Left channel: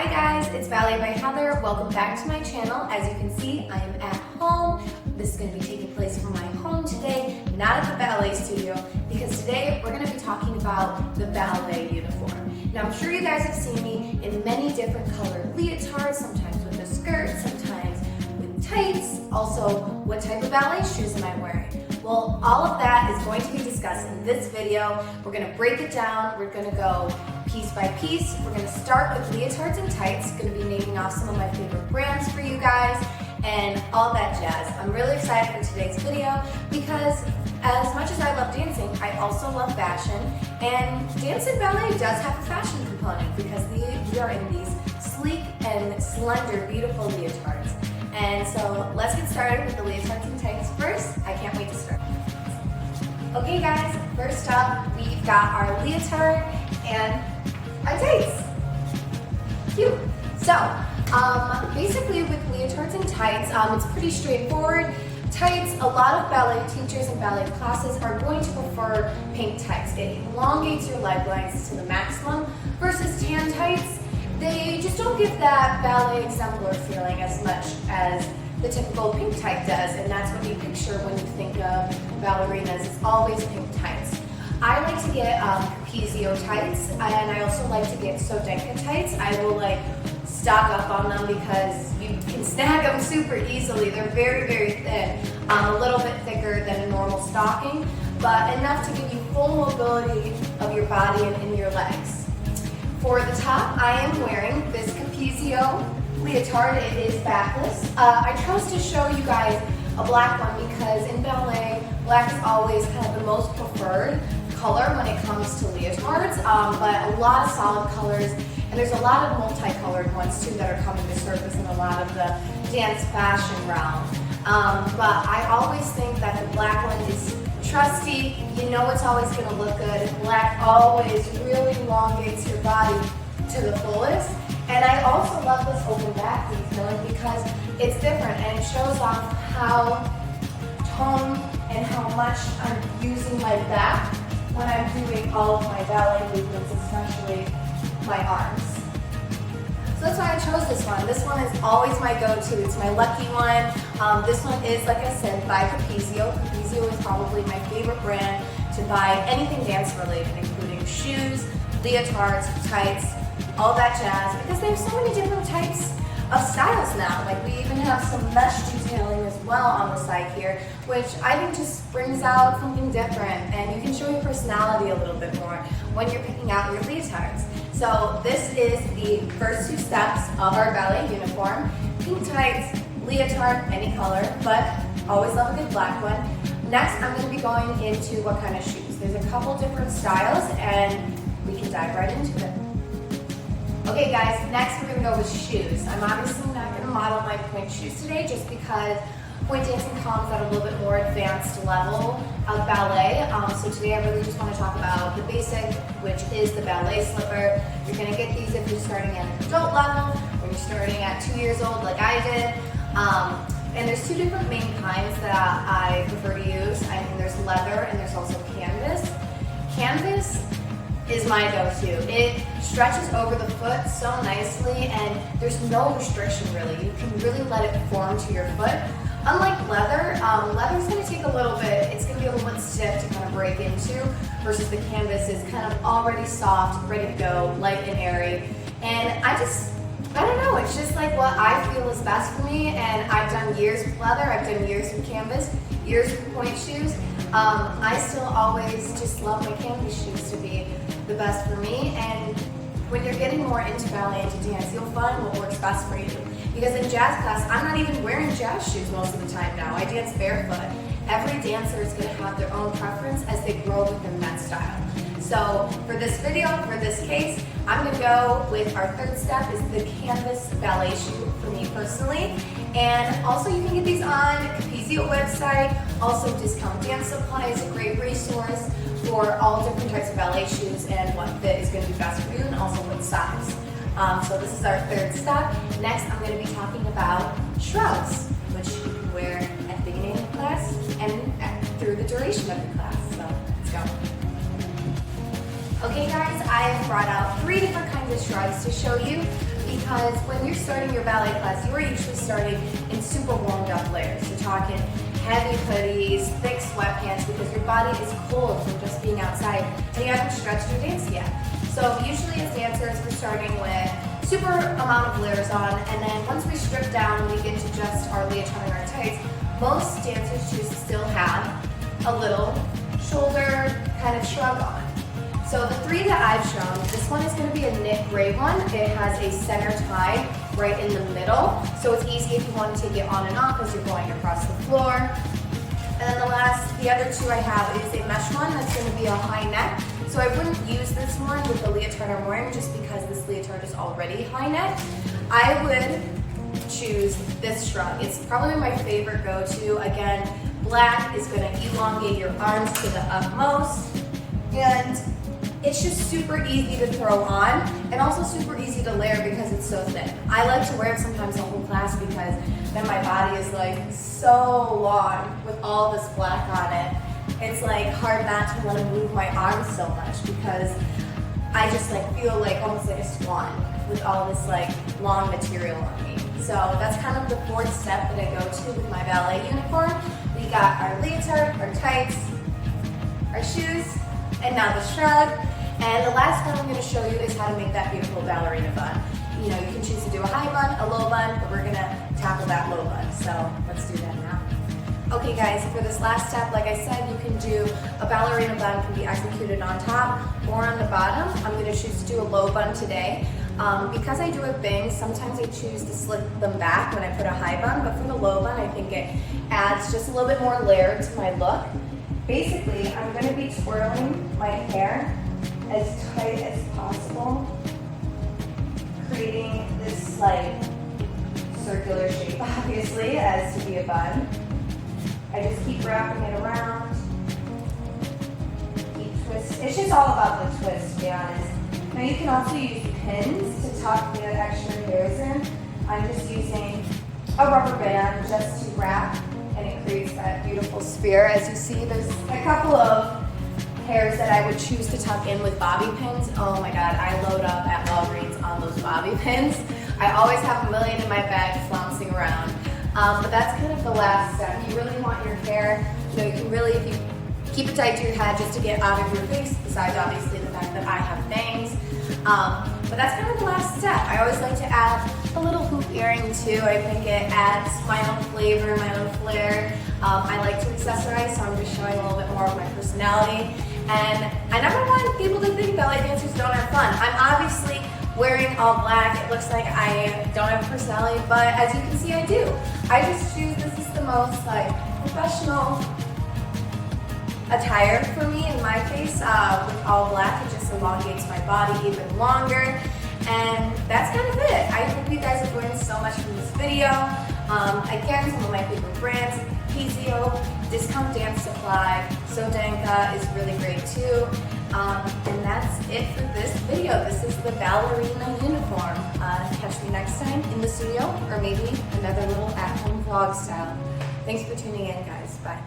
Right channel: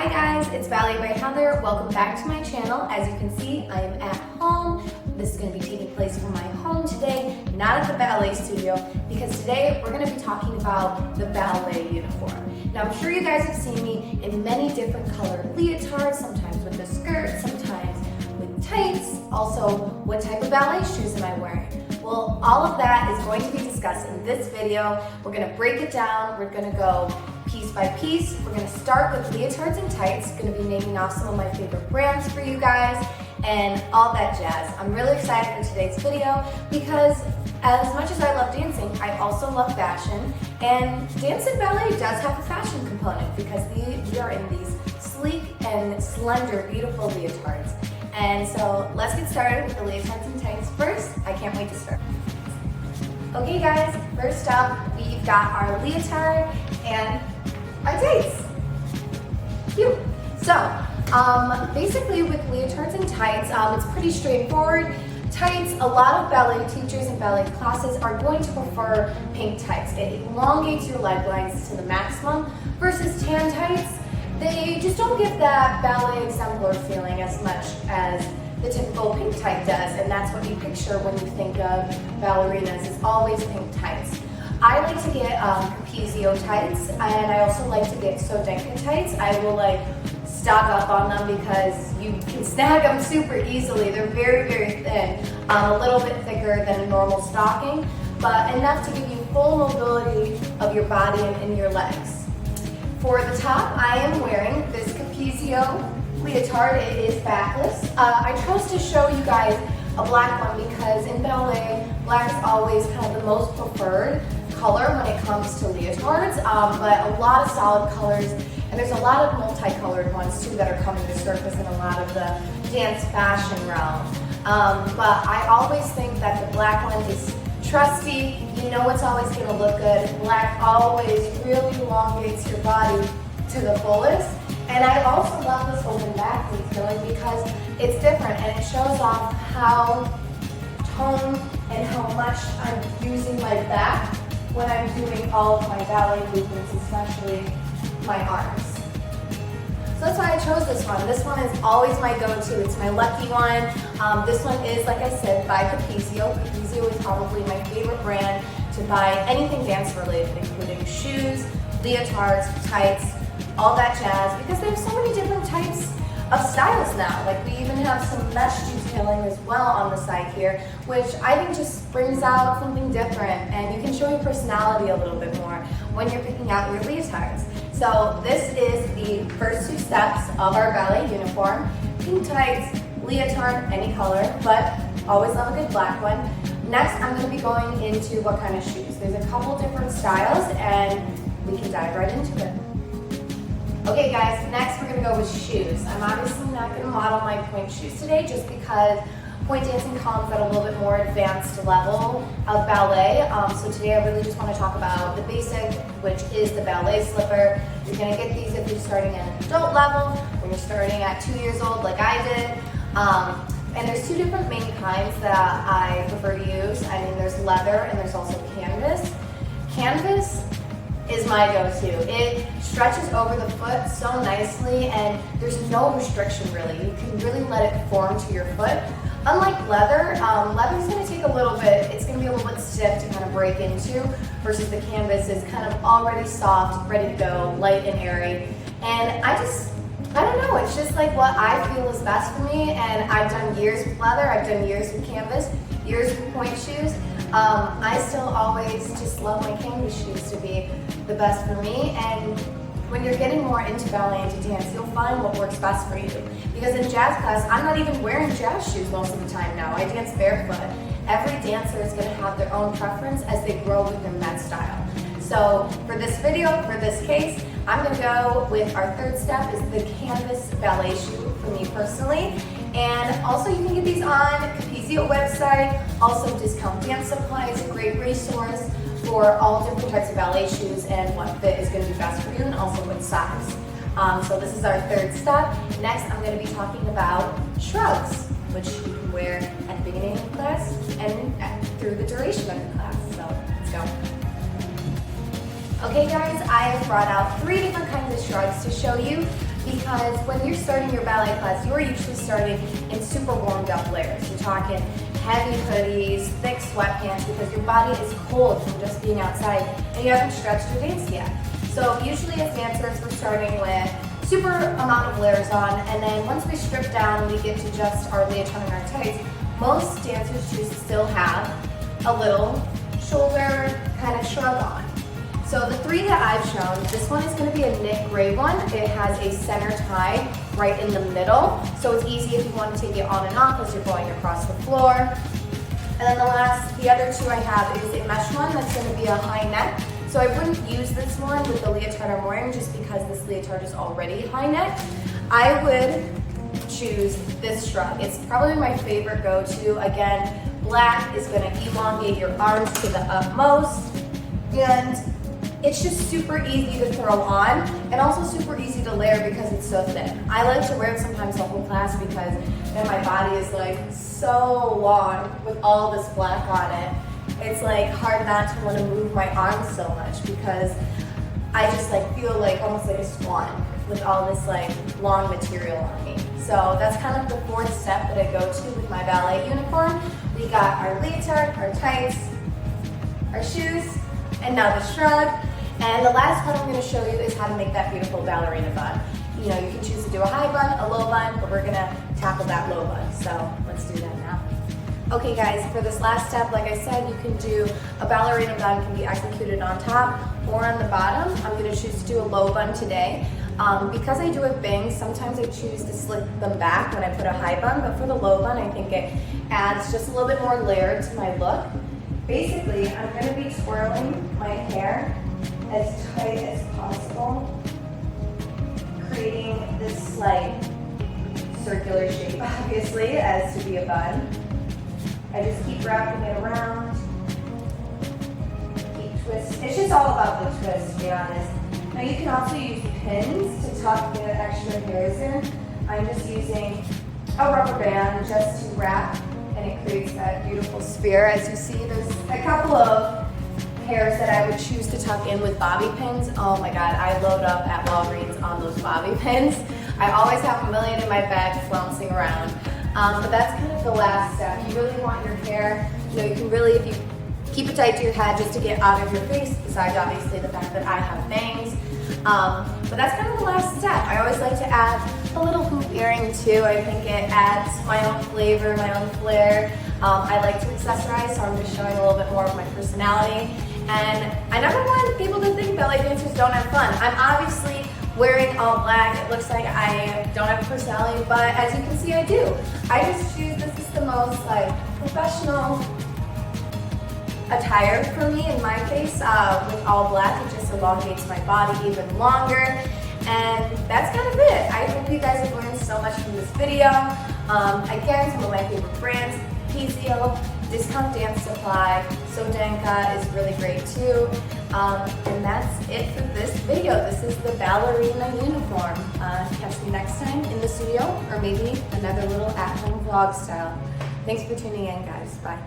Hi guys, it's Ballet by Heather. Welcome back to my channel. As you can see, I am at home. This is going to be taking place from my home today, not at the ballet studio, because today we're going to be talking about the ballet uniform. Now I'm sure you guys have seen me in many different colored leotards, sometimes with the skirt, sometimes with tights. Also, what type of ballet shoes am I wearing? Well, all of that is going to be discussed in this video. We're going to break it down. We're going to go piece by piece. We're going to start with leotards and tights. Going to be naming off some of my favorite brands for you guys and all that jazz. I'm really excited for today's video because as much as I love dancing, I also love fashion, and dance and ballet does have a fashion component because we are in these sleek and slender, beautiful leotards. And so let's get started with the leotards and tights first. I can't wait to start. Okay guys, first up we've got our leotard and our tights. Cute. So basically with leotards and tights, it's pretty straightforward. Tights, a lot of ballet teachers and ballet classes are going to prefer pink tights. It elongates your leg lengths to the maximum versus tan tights. They just don't give that ballet exemplar feeling as much as the typical pink tight does, and that's what you picture when you think of ballerinas. It's always pink tights. I like to get Capezio tights, and I also like to get Sodenka tights. I will stock up on them because you can snag them super easily. They're very, very thin, a little bit thicker than a normal stocking, but enough to give you full mobility of your body and in your legs. For the top, I am wearing this Capezio leotard. It is backless. I chose to show you guys a black one because in ballet, black is always kind of the most preferred color when it comes to leotards, but a lot of solid colors, and there's a lot of multicolored ones too that are coming to surface in a lot of the dance fashion realm. But I always think that the black one is trusty. You know it's always going to look good. Black always really elongates your body to the fullest. And I also love this open back detailing because it's different and it shows off how toned and how much I'm using my back when I'm doing all of my ballet movements, especially my arms. So that's why I chose this one. This one is always my go-to. It's my lucky one. This one is, like I said, by Capezio. Capezio is probably my favorite brand to buy anything dance related, including shoes, leotards, tights, all that jazz, because they have so many different types of styles now. Like we even have some mesh detailing as well on the side here, which I think just brings out something different, and you can show your personality a little bit more when you're picking out your leotards. So this is the first two steps of our ballet uniform. Pink tights, leotard, any color, but always love a good black one. Next, I'm going to be going into what kind of shoes. There's a couple different styles, and we can dive right into it. Okay guys, next we're going to go with shoes. I'm obviously not going to model my point shoes today just because point dancing comes at a little bit more advanced level of ballet. So today I really just want to talk about the basic, which is the ballet slipper. You're going to get these if you're starting at an adult level, when you're starting at 2 years old like I did. And there's two different main kinds that I prefer to use. I mean, there's leather and there's also canvas. Canvas is my go-to. It stretches over the foot so nicely and there's no restriction really. You can really let it form to your foot. Unlike leather, leather's going to take a little bit, it's going to be a little bit stiff to kind of break into, versus the canvas is kind of already soft, ready to go, light and airy. And I don't know, it's just like what I feel is best for me, and I've done years with leather, I've done years with canvas, years with point shoes. I still always just love my canvas shoes to be the best for me, and when you're getting more into ballet and to dance, you'll find what works best for you. Because in jazz class, I'm not even wearing jazz shoes most of the time now. I dance barefoot. Every dancer is going to have their own preference as they grow within that style. So for this video, for this case, I'm going to go with our third step is the canvas ballet shoe for me personally. And also you can get these on Capezio website. Also Discount Dance Supply is a great resource for all different types of ballet shoes and what fit is going to be best for you, and also what size. So this is our third step. Next, I'm going to be talking about shrouds, which you can wear at the beginning of the class and through the duration of the class. So let's go. Okay guys, I have brought out 3 different kinds of shrugs to show you because when you're starting your ballet class, you're usually starting in super warmed up layers. You're talking heavy hoodies, thick sweatpants because your body is cold from just being outside and you haven't stretched your dance yet. So usually as dancers, we're starting with super amount of layers on, and then once we strip down and we get to just our leotard and our tights, most dancers choose to still have a little shoulder kind of shrug on. So the 3 that I've shown, this one is going to be a knit gray one. It has a center tie right in the middle, so it's easy if you want to take it on and off as you're going across the floor. And then the other 2 I have is a mesh one that's going to be a high neck. So I wouldn't use this one with the leotard I'm wearing just because this leotard is already high neck. I would choose this shrug. It's probably my favorite go-to. Again, black is going to elongate your arms to the utmost, and it's just super easy to throw on and also super easy to layer because it's so thin. I like to wear it sometimes the whole class because then my body is like so long with all this black on it. It's like hard not to want to move my arms so much because I just like feel like almost like a swan with all this like long material on me. So that's kind of the 4th step that I go to with my ballet uniform. We got our leotard, our tights, our shoes, and now the shrug. And the last one I'm going to show you is how to make that beautiful ballerina bun. You know, you can choose to do a high bun, a low bun, but we're going to tackle that low bun. So let's do that now. Okay guys, for this last step, like I said, you can do a ballerina bun can be executed on top or on the bottom. I'm going to choose to do a low bun today. Because I do it bangs, sometimes I choose to slick them back when I put a high bun, but for the low bun, I think it adds just a little bit more layer to my look. Basically, I'm going to be twirling my hair as tight as possible, creating this like circular shape, obviously, as to be a bun. I just keep wrapping it around, keep twisting. It's just all about the twist, to be honest. Now you can also use pins to tuck the extra hairs in. I'm just using a rubber band just to wrap, and it creates that beautiful sphere. As you see, there's a couple of hairs that I would choose to tuck in with bobby pins. Oh my god, I load up at Walgreens on those bobby pins. I always have a million in my bag flouncing around. But that's kind of the last step. You really want your hair, you know, you can really, if you keep it tight to your head just to get out of your face, besides obviously the fact that I have bangs. But that's kind of the last step. I always like to add a little hoop earring too. I think it adds my own flavor, my own flair. I like to accessorize, so I'm just showing a little bit more of my personality. And I never want people to think ballet dancers don't have fun. I'm obviously wearing all black. It looks like I don't have a personality, but as you can see, I do. I just choose, this is the most like professional attire for me in my case. With all black, it just elongates my body even longer. And that's kind of it. I hope you guys have learned so much from this video. Again, some of my favorite brands, PZO, Discount Dance Supply, Sodenka is really great too. And that's it for this video. This is the ballerina uniform. Catch me next time in the studio, or maybe another little at-home vlog style. Thanks for tuning in, guys. Bye.